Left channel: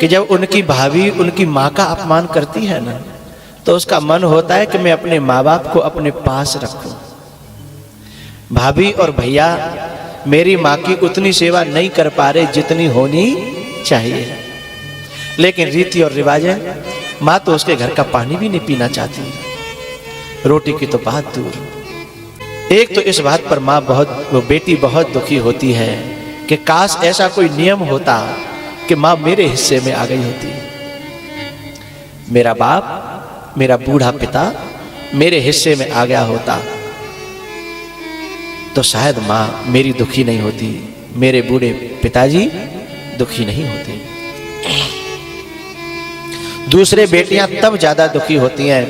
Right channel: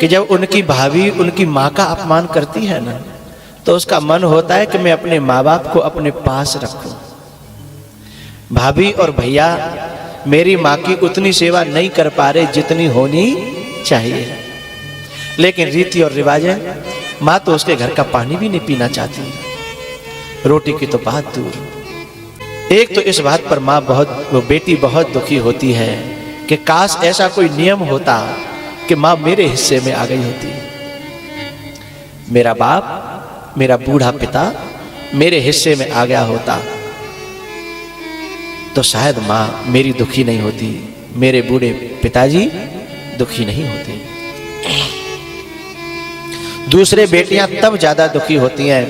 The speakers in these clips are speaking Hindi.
कि जब उनकी भाभी उनकी माँ का अपमान करती है ना, तो उसका मन होता है कि मैं अपने माँ बाप को अपने पास रखूं। भाभी और भैया मेरी माँ की उतनी सेवा नहीं कर पा रहे जितनी होनी चाहिए, लेकिन रीति और रिवाजें, माँ तो उसके घर का पानी भी नहीं पीना चाहती, रोटी की तो बात दूर। एक तो इस बात पर माँ वो बेटी बहुत दुखी होती है कि काश ऐसा कोई नियम होता कि माँ मेरे हिस्से में आ गई होती, मेरा बाप, मेरा बूढ़ा पिता मेरे हिस्से में आ गया होता, तो शायद माँ मेरी दुखी नहीं होती, मेरे बूढ़े पिताजी दुखी नहीं होते। दूसरे बेटियां तब ज्यादा दुखी होती हैं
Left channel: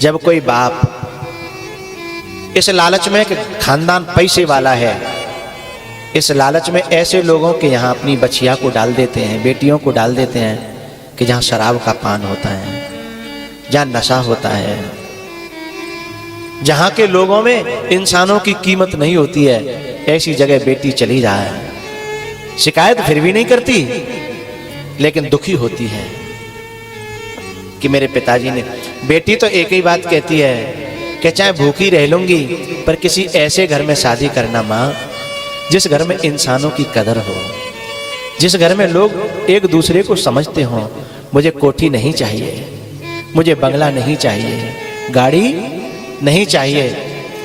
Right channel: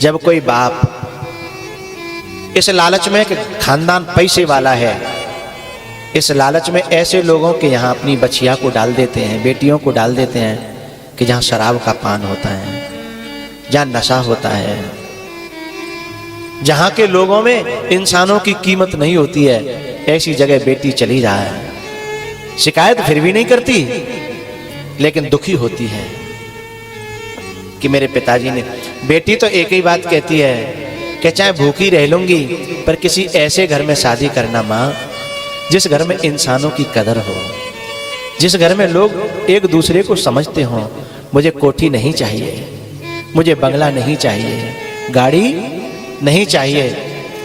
जब कोई बाप इस लालच में कि खानदान पैसे वाला है, इस लालच में ऐसे लोगों के यहाँ अपनी बछिया को डाल देते हैं, बेटियों को डाल देते हैं कि जहाँ शराब का पान होता है, जहाँ नशा होता है, जहाँ के लोगों में इंसानों की कीमत नहीं होती है, ऐसी जगह बेटी चली जाए। शिकायत फिर भी नहीं करती, लेकिन दुखी होती है कि मेरे पिताजी ने। बेटी तो एक ही बात कहती है कि चाहे भूखी रह लूंगी पर किसी ऐसे घर में शादी करना माँ जिस घर में इंसानों की कदर हो, जिस घर में लोग एक दूसरे को समझते हों। मुझे कोठी नहीं चाहिए, मुझे बंगला नहीं चाहिए, गाड़ी नहीं चाहिए,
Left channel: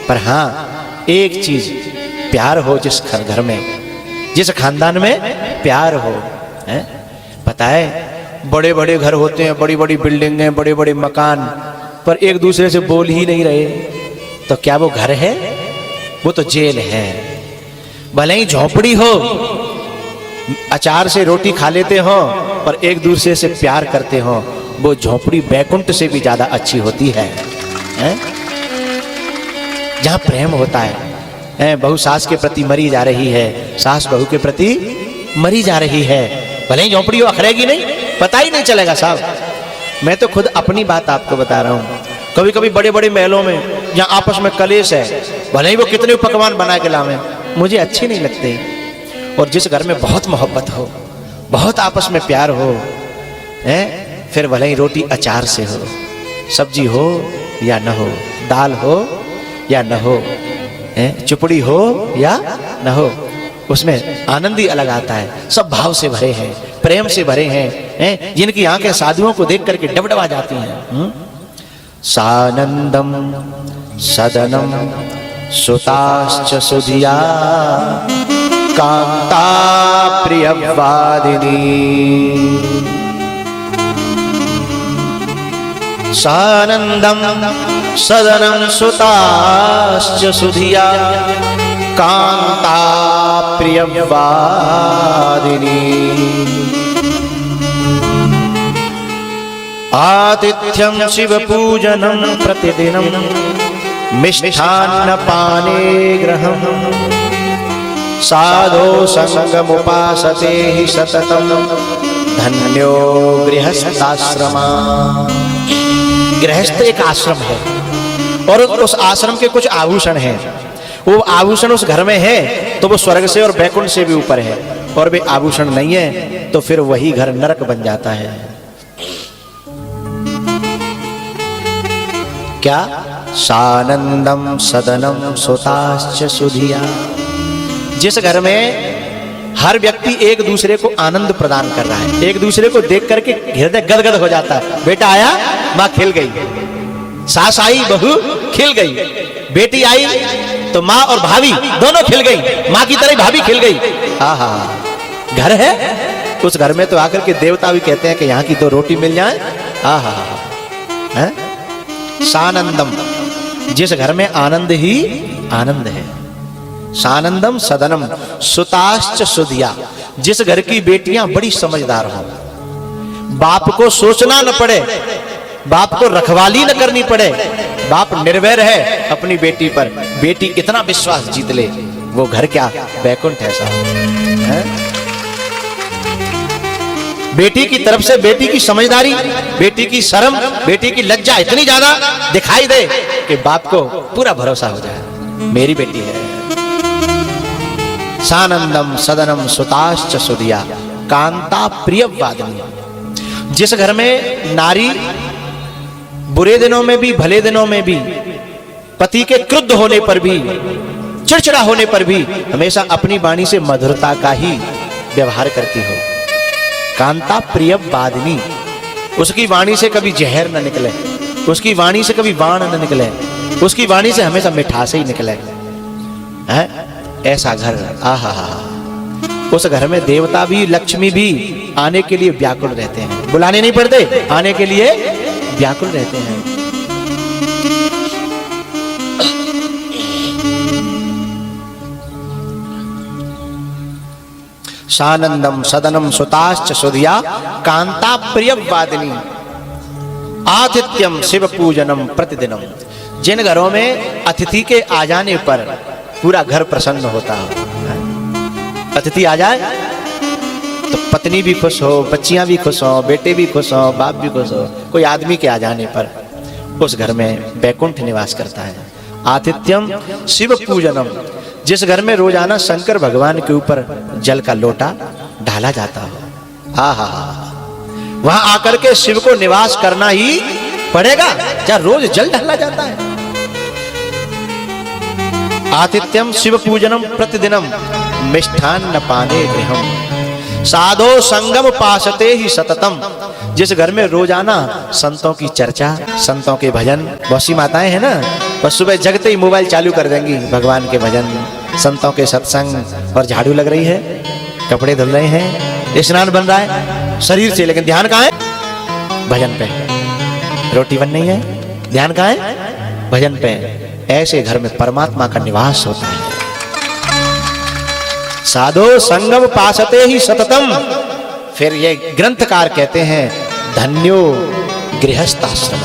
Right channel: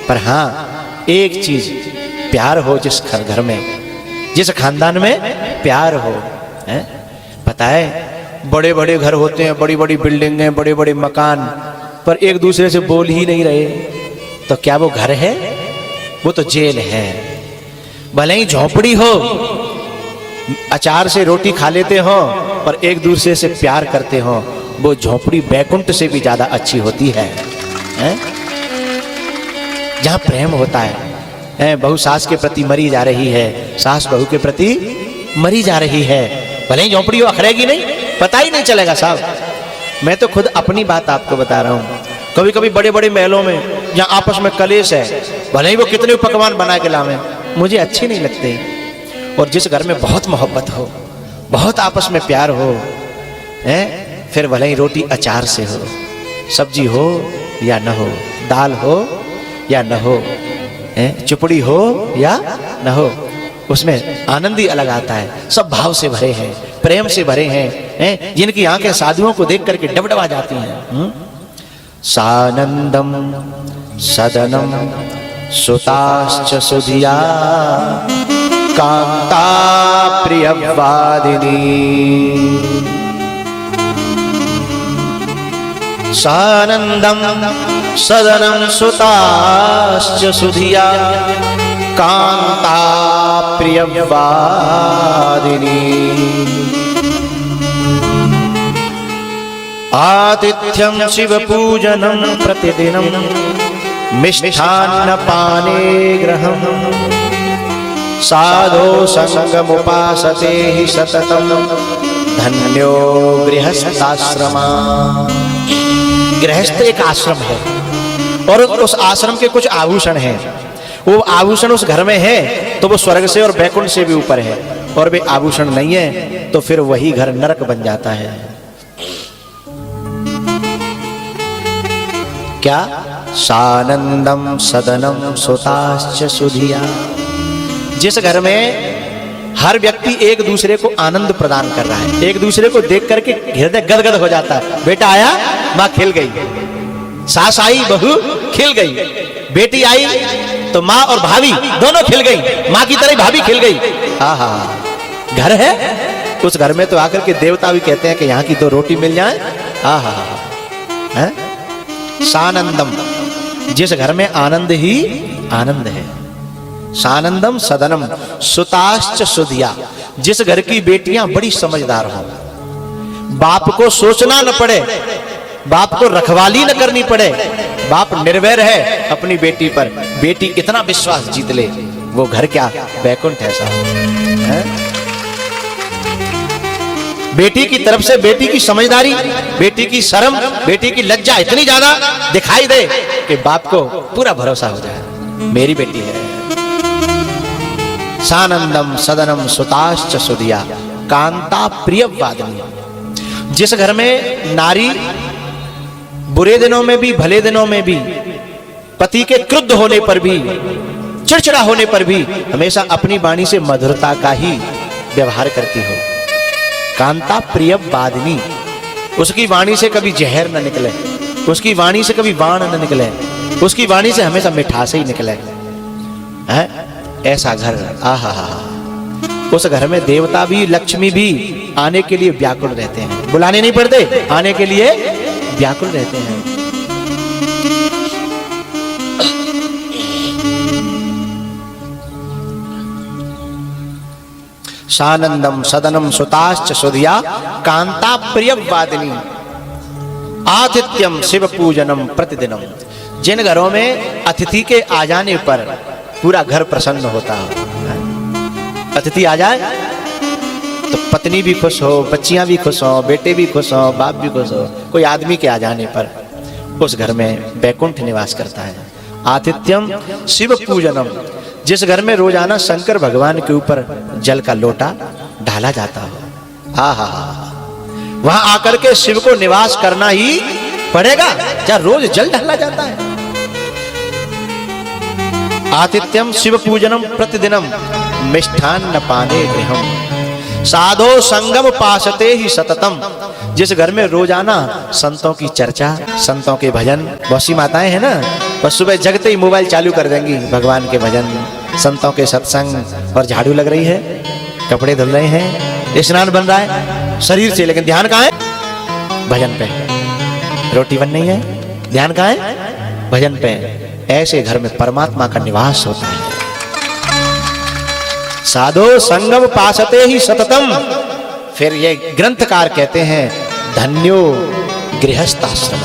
पर हाँ एक चीज, प्यार हो जिस घर में, जिस खानदान में प्यार हो। है पता है बड़े बड़े घर होते हैं, बड़ी बड़ी बिल्डिंगें, बड़े बड़े मकान, पर एक दूसरे से बोल ही नहीं रहे, तो क्या वो घर है? वो तो जेल है। भले ही झोपड़ी हो, अचार से रोटी खा लेते हो और एक दूसरे से प्यार करते हो, वो झोपड़ी बैकुंठ से भी ज्यादा अच्छी होती है, जहां प्रेम होता है। बहू सास के प्रति मरी जा रही है, सास बहू के प्रति मरी जा रही है, भले ही झोपड़ी हो, अखरेगी नहीं, पता ही नहीं चलेगा साहब। मैं तो खुद अपनी बात आपको बता रहा हूं। कभी कभी बड़े बड़े महलों में जहां आपस में कलेश है, भले ही वो कितने पकवान बना के लावे, मुझे अच्छे नहीं लगते। और जिस घर में बहुत मोहब्बत हो, बहुत आपस में प्यार हो, फिर भले ही रोटी अचार से हो, सब्जी हो या न हो, दाल हो या न हो, चुपड़ी हो या न हो, उसमें आनंद ही अलग आता है। सब भाव से भरे हैं, प्रेम से भरे हैं, जिनकी आंखें साधुओं को देख करके डबडबा जाती हैं। सानंदम सदनम सुताश्च सुधिया कांता प्रियवादिनी। सानंदम सदनम सुताश्च सुधिया कांता प्रियवादिनी। आतिथ्यं शिवपूजनं प्रतिदिनं मिष्ठान्नपाने गृहं साधो संगमुपासते हि सततं धन्यो गृहस्थाश्रमा। गृहस्थ एक आश्रम है और उस आश्रम के कुछ आभूषण हैं। वो आभूषण उस घर में है तो वो स्वर्ग से और बैकुंठ से भी ऊपर है, और वे आभूषण नहीं है तो फिर वही घर नरक बन जाता है। क्या? सानंदम सदनम सुताश्च सुधिया। जिस घर में हर व्यक्ति एक दूसरे को आनंद प्रदान कर रहा है, एक दूसरे को देख करके हृदय गदगद हो जाता है। बेटा आया, माँ खिल गई, सास आई, बहू खिल गई, बेटी आई तो माँ और भाभी दोनों खिल गई, माँ की तरह भाभी खिल गई। हाँ, घर है, उस घर में तो आकर के देवता भी कहते हैं कि यहाँ की तो रोटी मिल जाए। हाँ, सानंदम, जिस घर में आनंद ही आनंद है। सानंदम सदनम सुताश्च सुधिया, जिस घर की बेटियां बड़ी समझदार हो, बाप को सोचना न पड़े, बाप को रखवाली न करनी पड़े, बाप निर्भय है अपनी बेटी पर, बेटी इतना विश्वास जीत ले, वो घर क्या बैकुंठ है साहब। बेटी की तरफ से बेटी की समझदारी, बेटी की शर्म, बेटी की लज्जा इतनी ज्यादा दिखाई दे कि बाप को पूरा भरोसा हो जाए, मेरी बेटी है। सानंदम सदनम सुताश्च सुधिया कांता प्रियवादिनी। जिस घर में नारी बुरे दिनों में भी भले दिनों में भी पति के क्रुद्ध होने पर भी चिड़चिड़ा होने पर भी हमेशा अपनी वाणी से मधुरता का ही व्यवहार करती हो, कांता प्रियवादिनी। उसकी वाणी से कभी जहर न निकले, उसकी वाणी से कभी बाण न निकले, उसकी वाणी से हमेशा मिठास ही निकले है। ऐसा घर, आहा हा। उस घर में देवता भी लक्ष्मी भी आने के लिए व्याकुल रहते हैं, बुलाने नहीं पड़ते, आने के लिए व्याकुल रहते हैं। सानंदम सदनम सुताश्च सुधिया कांता प्रियवादिनी। आतिथ्यम शिव पूजनम प्रतिदिनम। जिन घरों में अतिथि के आ जाने पर पूरा घर प्रसन्न होता है, अतिथि आ जाए तो पत्नी भी खुश हो, बच्चियां भी खुश हो, बेटे भी खुश हो, बाप भी खुश हो, कोई आदमी के आ जाने पर उस घर में वैकुंठ निवास करता है। आतिथ्यम शिव पूजनम। जिस घर में रोजाना शंकर भगवान के ऊपर जल का लोटा ढाला जाता हो, हा हा, वहां आकर के शिव को निवास करना ही पड़ेगा, क्या रोज जल ढाला जाता है। आतिथ्यम शिव पूजनम प्रतिदिनम मिष्ठान्न पाने गृहम। साधो संगम पासते ही सततम। जिस घर में रोजाना संतों की चर्चा, संतों के भजन, बहुत सी माताएं हैं ना, बस सुबह जगते ही मोबाइल चालू कर देंगी, भगवान के भजन, संतों के सत्संग, और झाड़ू लग रही है, कपड़े धुल रहे हैं, स्नान बन रहा है शरीर से, लेकिन ध्यान कहाँ है? भजन पे। रोटी बन रही है, ध्यान कहाँ है? भजन पे। ऐसे घर में परमात्मा का निवास होता है। साधो संगम पासते ही सततम। फिर ये ग्रंथकार कहते हैं धन्यो गृहस्थाश्रम।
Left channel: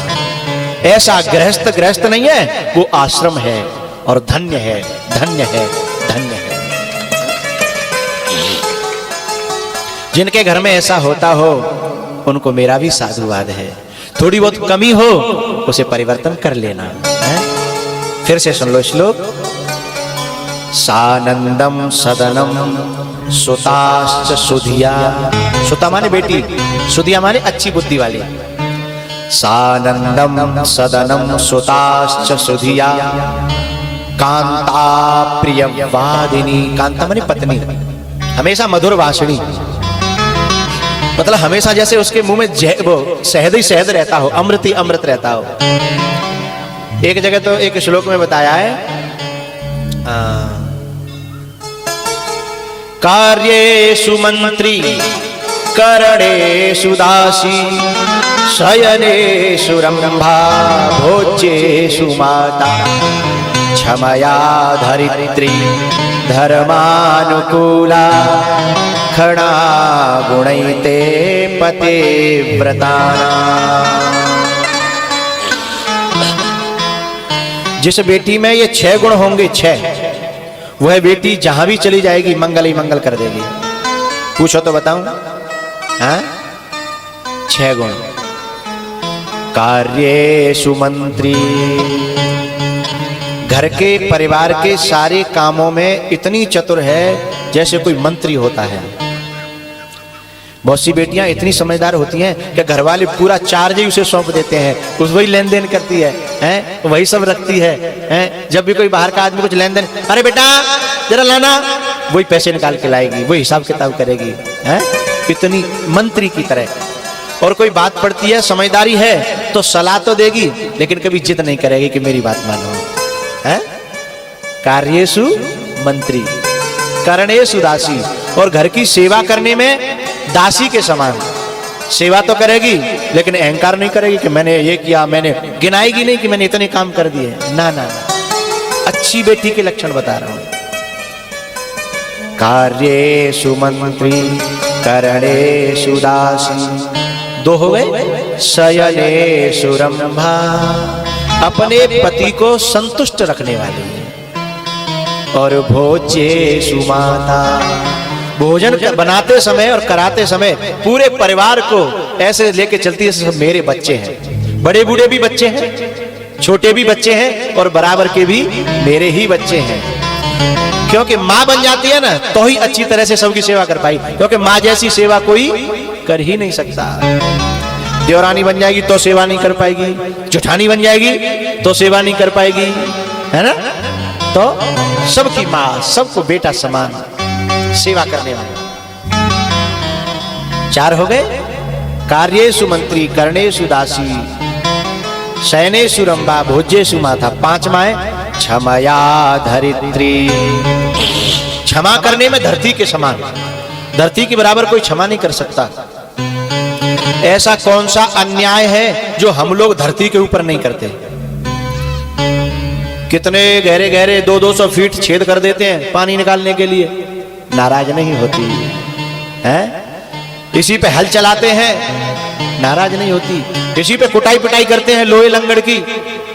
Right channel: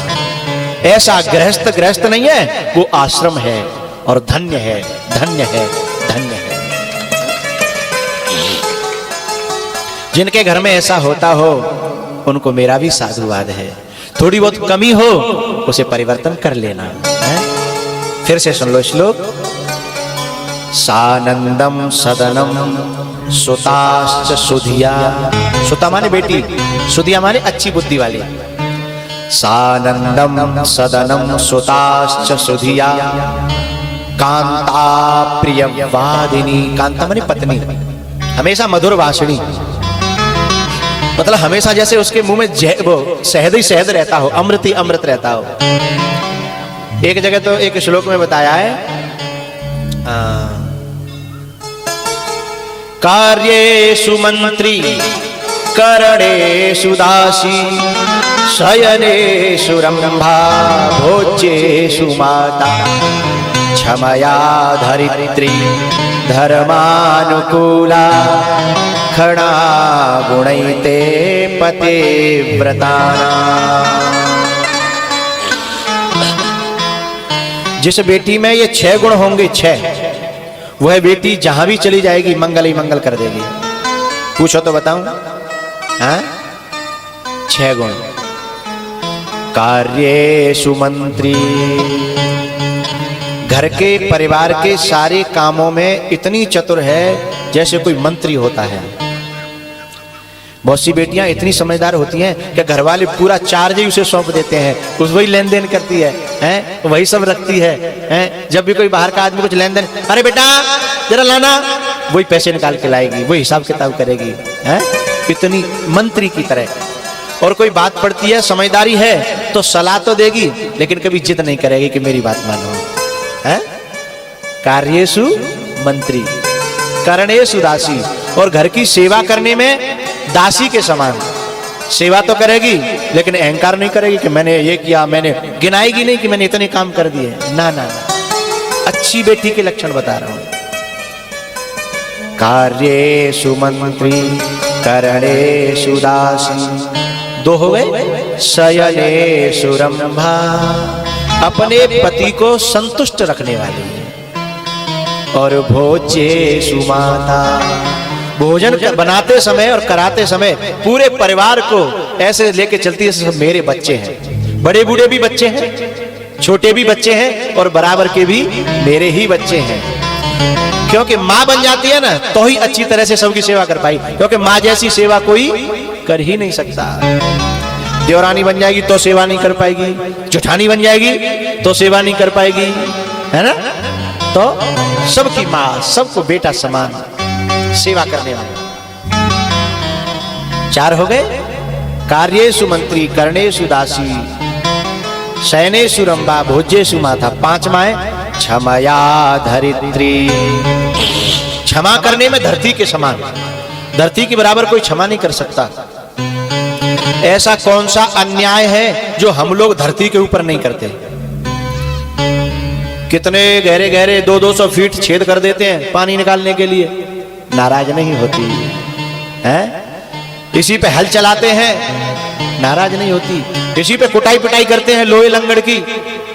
ऐसा गृहस्थ नहीं है, वो आश्रम है और धन्य है, धन्य है, धन्य है। जिनके घर में ऐसा होता हो उनको मेरा भी साधुवाद है। थोड़ी बहुत कमी हो उसे परिवर्तन कर लेना है। फिर से सुन लो श्लोक। सानंदम सदनम सुताश्च सुधिया। सुता माने बेटी, सुधिया माने अच्छी बुद्धि वाली। सानंदम सदनम सुताश्च सुधिया कांता प्रियवादिनी। कांता माने पत्नी, हमेशा मधुर भाषणी, मतलब हमेशा जैसे उसके मुंह में वो शहद ही शहद रहता हो, अमृत ही अमृत रहता हो। एक जगह तो एक श्लोक में बताया है, कार्येषु मंत्री करणेषु दासी शयनेषु रंभा भोज्येषु माता क्षमया धरित्री धर्मानुकूला खड़ा गुणैते पतिव्रताना। जिस बेटी में ये 6 गुण होंगे, 6, वह बेटी जहां भी चली जाएगी मंगल ही मंगल कर देगी। पूछो तो बताऊं? हाँ, 6 गुण। कार्येषु मंत्री, घर के परिवार के सारे कामों में इतनी चतुर है जैसे कोई मंत्री होता है। बहुत सी बेटियां इतनी समझदार होती हैं कि घर वाले पूरा चार्ज ही उसे सौंप देते हैं, उस वही लेन देन करती है, वही सब रखती है। जब भी कोई बाहर का आदमी कुछ लेन देन, अरे बेटा जरा लाना, वही पैसे निकाल के लाएगी, वही हिसाब किताब करेगी, इतनी मंत्री की तरह। और कोई बात पड़ती है, समझदारी है तो सलाह तो देगी, लेकिन कभी जिद नहीं करेगी कि मेरी बात मानो। कार्येषु मंत्री करणेषु दासी। और घर की सेवा करने में दासी के समान सेवा तो करेगी, लेकिन अहंकार नहीं करेगी कि मैंने ये किया, मैंने गिनाएगी नहीं कि मैंने इतने काम कर दिए। ना ना, अच्छी बेटी के लक्षण बता रहा हूं। कार्येषु मंत्री करणेषु दासी। 2 हो गए। शयनेषु रंभा, अपने पति को संतुष्ट रखने वाली। और भोज्येषु माता, भोजन बनाते समय और कराते समय पूरे परिवार को ऐसे लेके चलती है सब मेरे बच्चे हैं। बड़े बूढ़े भी बच्चे हैं, छोटे भी बच्चे हैं, और बराबर के भी मेरे ही बच्चे हैं। क्योंकि माँ बन जाती है ना तो ही अच्छी तरह से सबकी सेवा कर पाई, क्योंकि माँ जैसी सेवा कोई कर ही नहीं सकता। देवरानी बन जाएगी तो सेवा नहीं कर पाएगी, जेठानी बन जाएगी तो सेवा नहीं कर पाएगी, है ना। तो सबकी माँ, सबको बेटा समान सेवा करने वाले। 4 हो गए। कार्येषु मंत्री, कर्णेषु दासी, शयनेषु रंभा, भोज्येषु माता। 5वां है क्षमया धरित्री। क्षमा करने में धरती के समान, धरती के बराबर कोई क्षमा नहीं कर सकता। ऐसा कौन सा अन्याय है जो हम लोग धरती के ऊपर नहीं करते। कितने गहरे गहरे 200-200 फीट छेद कर देते हैं पानी निकालने के लिए, नाराज नहीं होती है। इसी पे हल चलाते हैं, नाराज नहीं होती। इसी पे कुटाई पिटाई करते हैं लोहे लंगड़ की,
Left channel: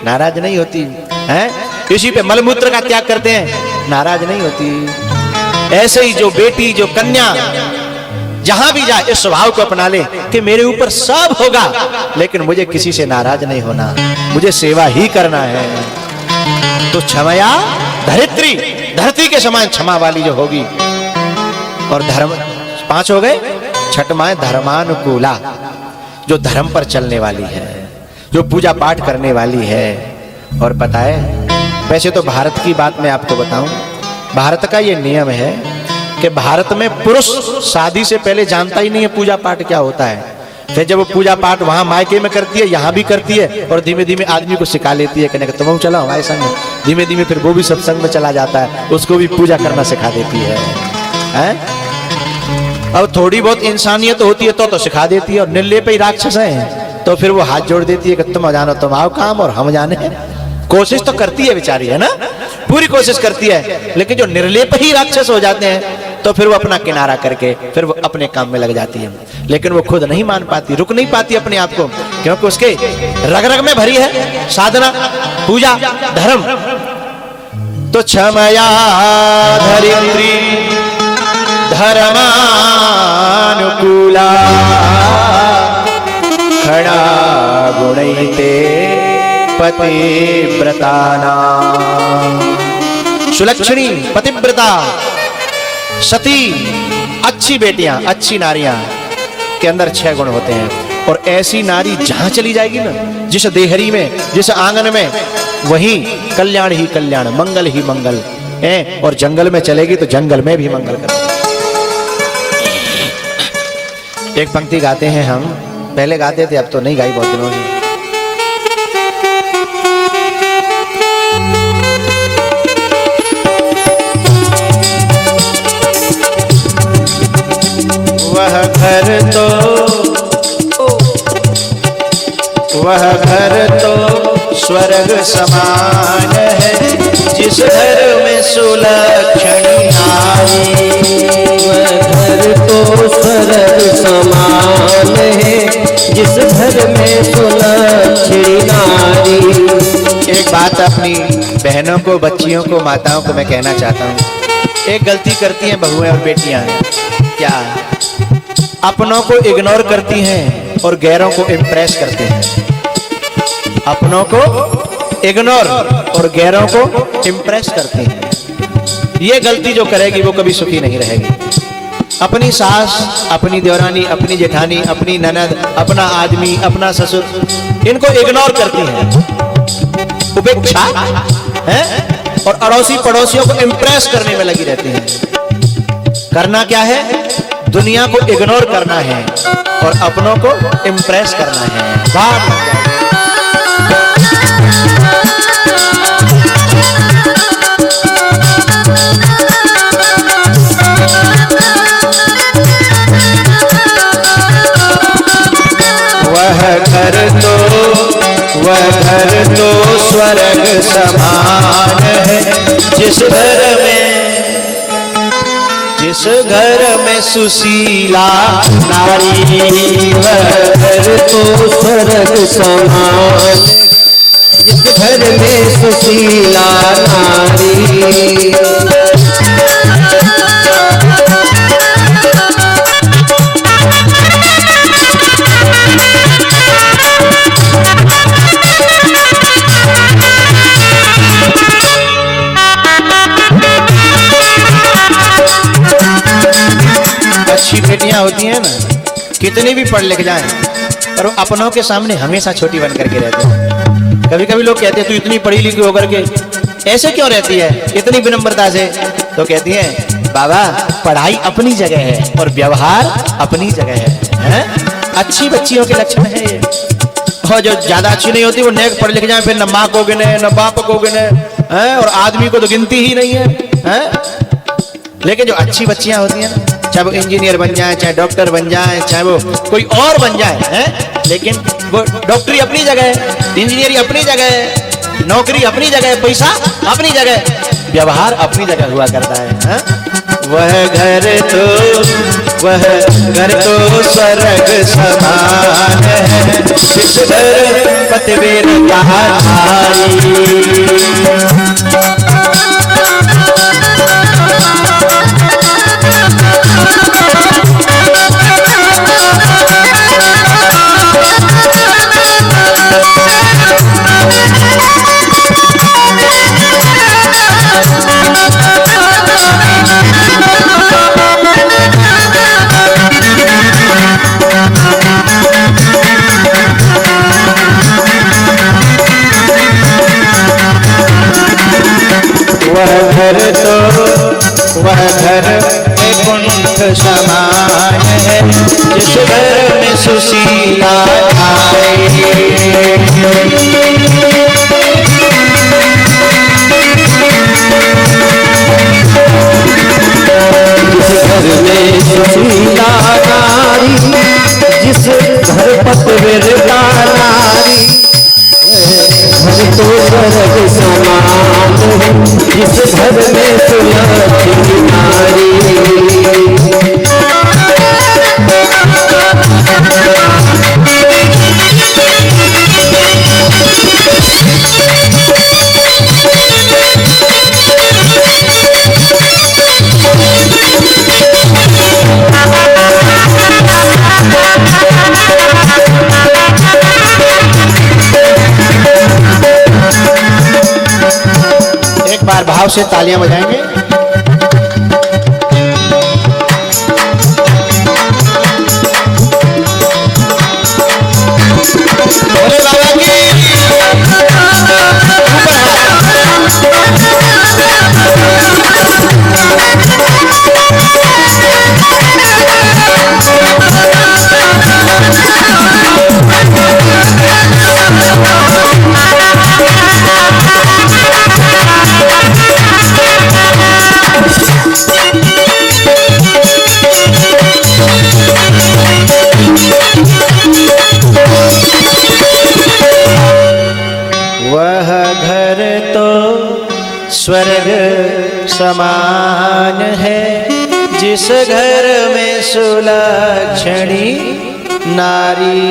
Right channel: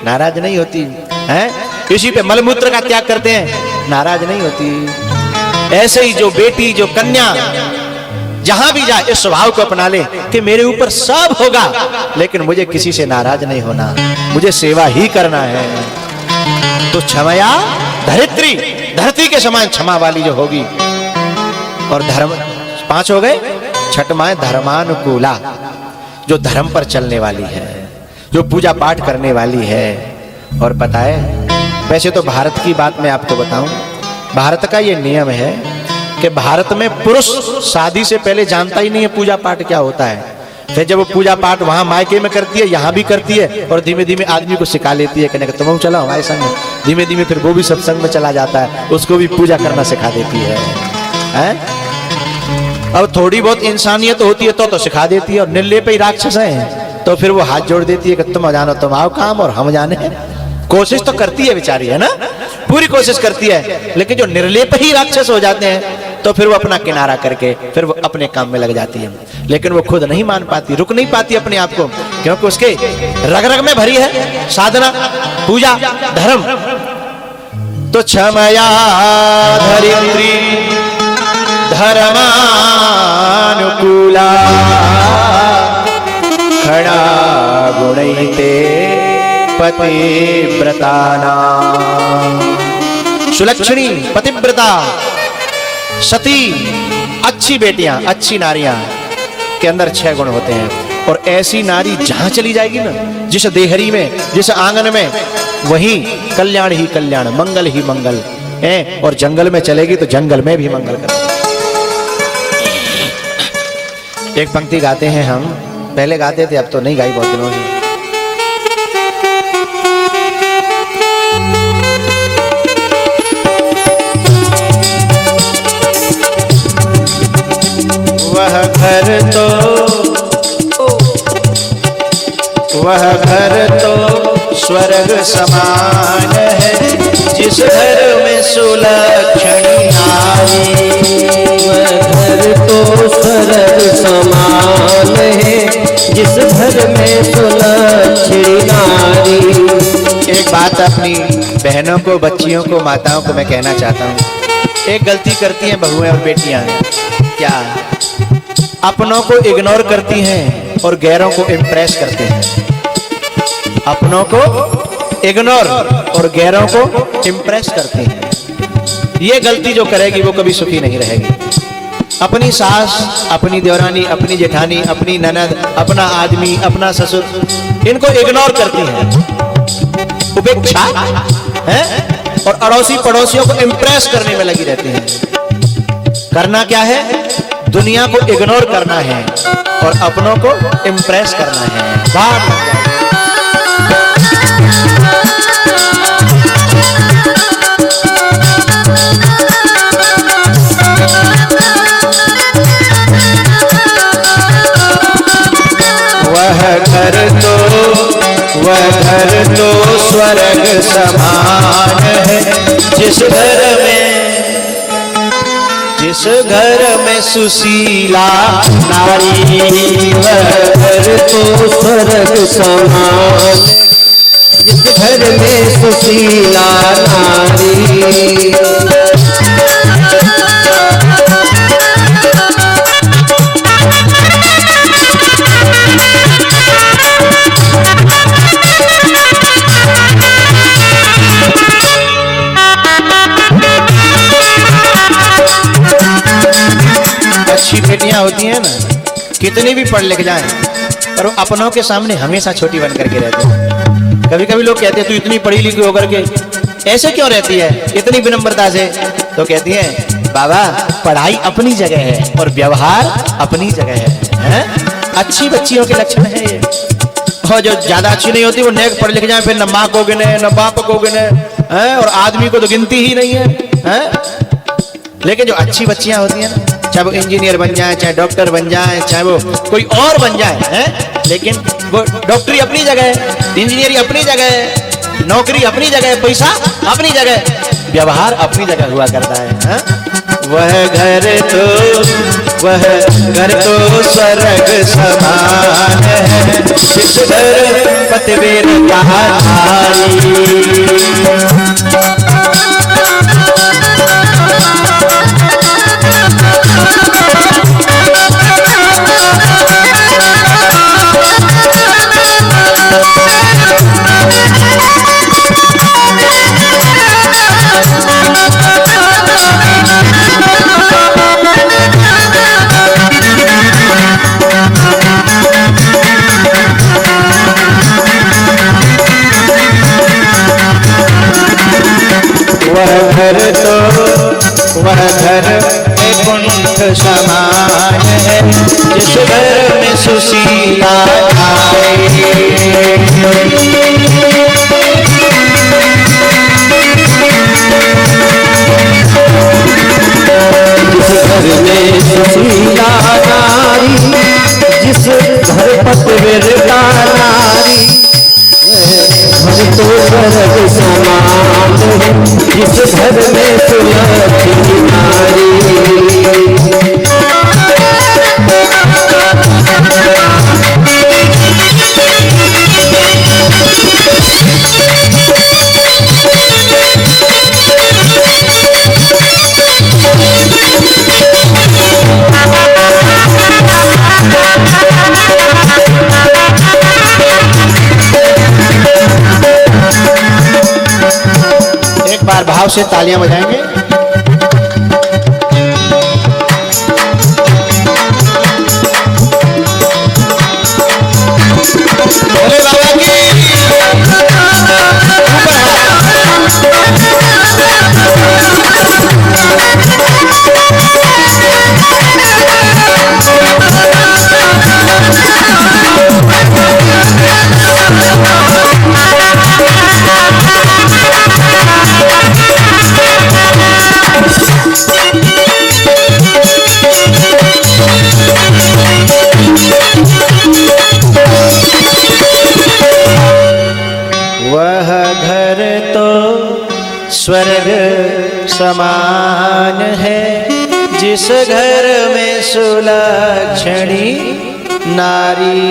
नाराज नहीं होती। हाँ, इसी पे मलमूत्र का त्याग करते हैं, नाराज नहीं होती। ऐसे ही जो बेटी, जो कन्या जहां भी जाए उस स्वभाव को अपना ले कि मेरे ऊपर सब होगा, लेकिन मुझे किसी से नाराज नहीं होना, मुझे सेवा ही करना है। तो क्षमया धरित्री, धरती के समान क्षमा वाली जो होगी। जो धर्म पर चलने वाली है, जो पूजा पाठ करने वाली है। और पता है, वैसे तो भारत की बात में भारत का ये नियम है कि भारत में पुरुष शादी से पहले जानता ही नहीं है पूजा पाठ क्या होता है। फिर जब वो पूजा पाठ वहां मायके में करती है, यहाँ भी करती है, और धीमे धीमे आदमी को सिखा लेती है कि तुम चलो हमारे संग। धीमे धीमे फिर वो भी सत्संग में चला जाता है, उसको भी पूजा करना सिखा देती है, हैं? अब थोड़ी बहुत इंसानियत होती है तो सिखा देती है, और निर्लेप ही राक्षस है तो फिर वो हाथ जोड़ देती है कि तुम जानो, तुम आओ काम और हम जाने। कोशिश तो करती है बेचारी, है ना, पूरी कोशिश करती है, लेकिन जो निर्लेप ही राक्षस हो जाते हैं तो फिर वो अपना किनारा करके फिर वो अपने काम में लग जाती है। लेकिन वो खुद नहीं मान पाती, रुक नहीं पाती अपने आप को, क्योंकि उसके रग रग में भरी है साधना, पूजा, धर्म। तो क्षमया धरित्री धर्मानुकूला खड़ा गुणैते पतिव्रताना। सुलक्षणी, पतिव्रता, सती, अच्छी बेटियां, अच्छी नारियां के अंदर 6 गुण होते हैं। और ऐसी नारी जहां चली जाएगी ना, जिस देहरी में, जिस आंगन में, वहीं कल्याण ही कल्याण, मंगल ही मंगल है। और जंगल में चलेगी तो जंगल में भी मंगल करेगी। एक पंक्ति गाते हैं हम, पहले गाते थे, अब तो नहीं गाई बहुत दिनों से। वह घर तो स्वर्ग समान है, जिस घर में सुलक्षणी नारी। वह घर तो स्वर्ग समान है, जिस घर में सुलक्षणी नारी। एक बात अपनी बहनों को, बच्चियों को, माताओं को मैं कहना चाहता हूँ। एक गलती करती हैं बहुएं और बेटियां, क्या अपनों को इग्नोर करती हैं और गैरों को इम्प्रेस करती हैं। अपनों को इग्नोर और गैरों को इम्प्रेस करती हैं। ये गलती जो करेगी वो कभी सुखी नहीं रहेगी। अपनी सास, अपनी देवरानी, अपनी जेठानी, अपनी ननद, अपना आदमी, अपना ससुर, इनको इग्नोर करती हैं, उपेक्षा है, और अड़ोसी पड़ोसियों को इम्प्रेस करने में लगी रहती हैं। करना क्या है? दुनिया को इग्नोर करना है और अपनों को इम्प्रेस करना है। बात वह घर तो स्वर्ग समान है, जिस घर में सुशीला नारी। वह घर तो स्वर्ग समान, जिस घर में सुशीला नारी। पढ़ लिख जाएं, पर वो अपनों के सामने हमेशा छोटी बन करके रहते हैं। कभी कभी लोग कहते हैं तू इतनी पढ़ी लिखी होकर के ऐसे क्यों रहती है, इतनी विनम्रता से, तो कहती है बाबा पढ़ाई अपनी जगह है और व्यवहार अपनी जगह है? अच्छी बच्चियों के लक्षण है ये। और जो ज्यादा अच्छी नहीं होती वो नेक पढ़ लिख जाए, फिर न माँ को गिने न बाप को गिने, और आदमी को तो गिनती ही नहीं है? लेकिन जो अच्छी बच्चियां होती हैं ना, चाहे वो इंजीनियर बन जाए, चाहे डॉक्टर बन जाए, चाहे वो कोई और बन जाए, लेकिन वो डॉक्टरी अपनी जगह है, इंजीनियरिंग अपनी जगह है, नौकरी अपनी जगह है, पैसा अपनी जगह, व्यवहार अपनी जगह हुआ करता है। वह घर तो स्वर्ग समान है, जिस घर पतिवीर कहानी। वह घर कुंठ समान है, जिस घर में सुशीला आए। जिस घर में सुशीला नारी, जिस घर पतिव्रता नारी, हम तो स्वर्ग समान है, जिस घर में सुलक्षणी नारी। एक बार भाव से तालियां बजाएंगे। भोले बाबा की वह घर तो स्वर्ग समान है, जिस घर में सुलक्षणी नारी।